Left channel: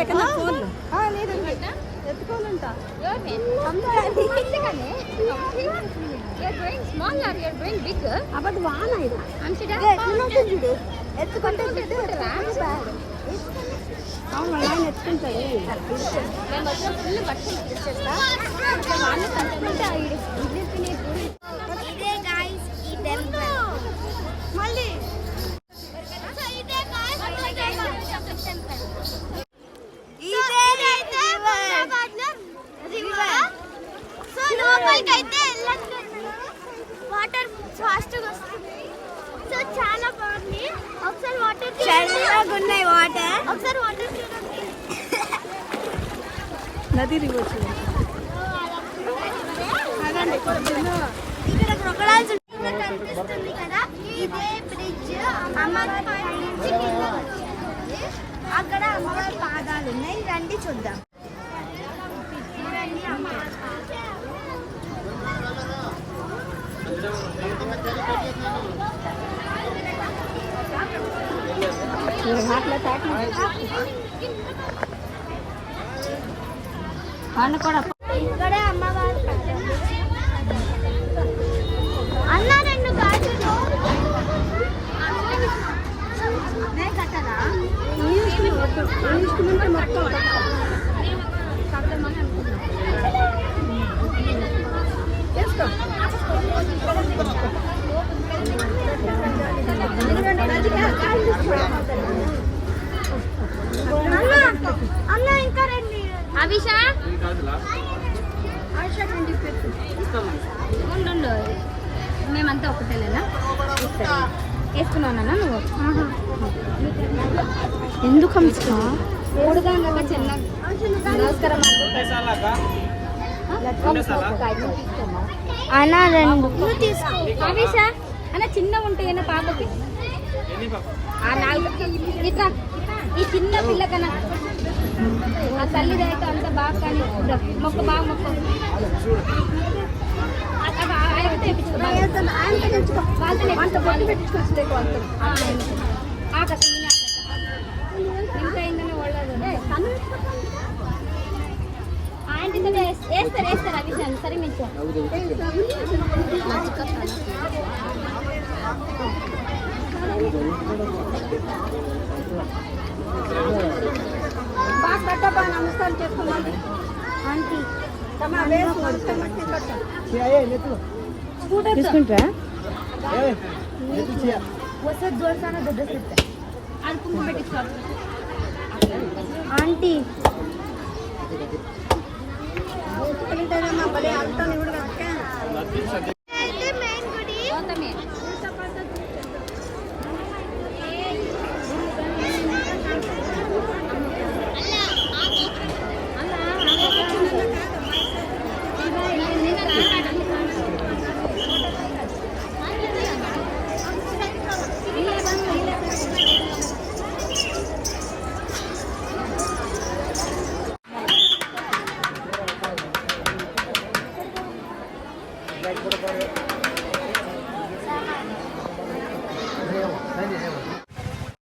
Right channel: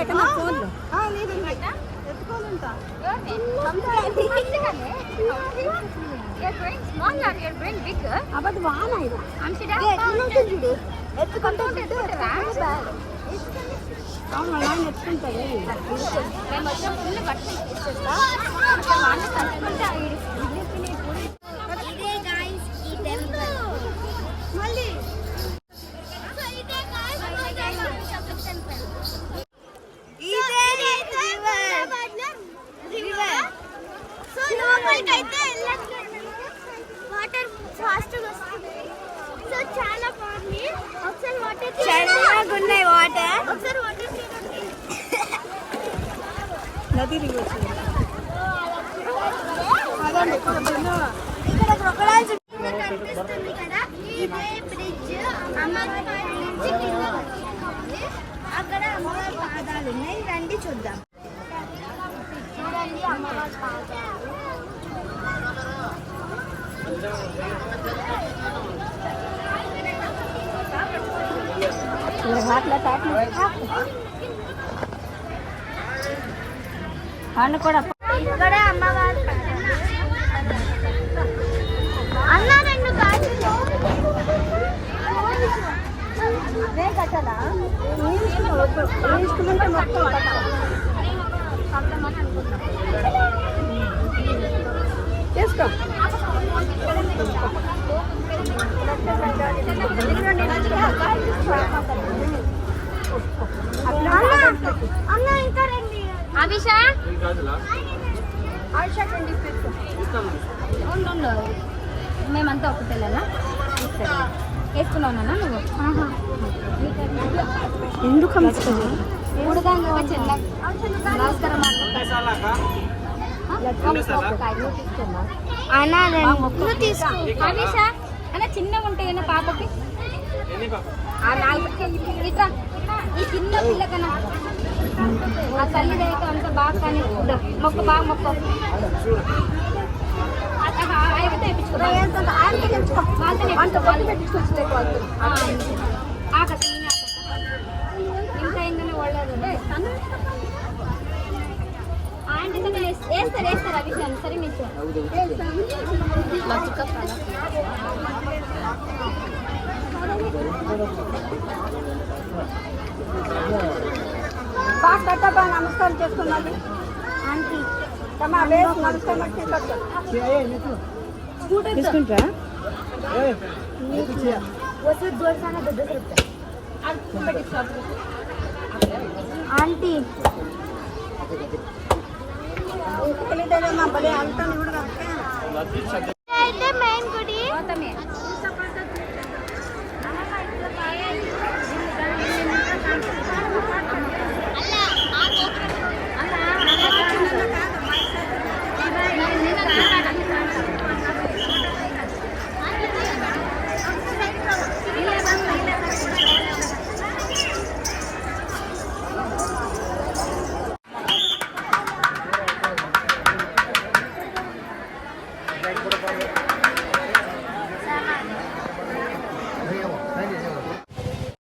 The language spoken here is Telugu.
లేక నా ఫోన్లో అబద్ధం వాన చూడు ఎత్తుకుంటే బిడ్డ నాయన ఎత్తుకుంటాడు మళ్ళీ వాటర్ ఫాస్ట్ వస్తుంది సో చాలా బాగుంది ఒకసారి వాటర్ చల్లగా ఉన్నాయి వాటర్ ఒకసారి వాటర్ నది ఇక్కడ క్రొకడైల్స్ కనిపిస్తుంది కదా ఇదే బ్రిడ్జ్ అమ్మవారి నుంచి కింద వచ్చింది అక్కడ అమ్మవారి పాదాలు ఉన్నాయి రండి చూద్దాం రండి అమ్మవారి పాదాలు కూడా ఇక్కడ అమ్మవారి అన్న రెండు గాజులు కట్టదా అన్న ఇంకా రండి అభిషా ఉండు మేమంతా ఒకటే లేదా వేసుకున్నావునా నువ్వు ఎందుకు కూడదాం కదా చెల్ల నమస్కారం అన్న రెండు తీసుకో అభిషా అన్న చిన్నగా ఉంటాయి కదా పాపకి ఆ 4 ఇట్లా ఈ చిన్న పిల్లకన్నా ఆ తల్లి దగ్గర అంత బాగా కానీ మొక్క బాగా మొక్క తెప్పించుకో వాళ్ళతో తెప్పించుకో వాళ్ళు ఆకత ఇంకా ఏంటనే వాళ్ళది ఆంటీ వేస్తారు అభిషాన్ సరే మీరు నమస్కారం చేసుకున్నాను తీసుకుంటా ఆంటీ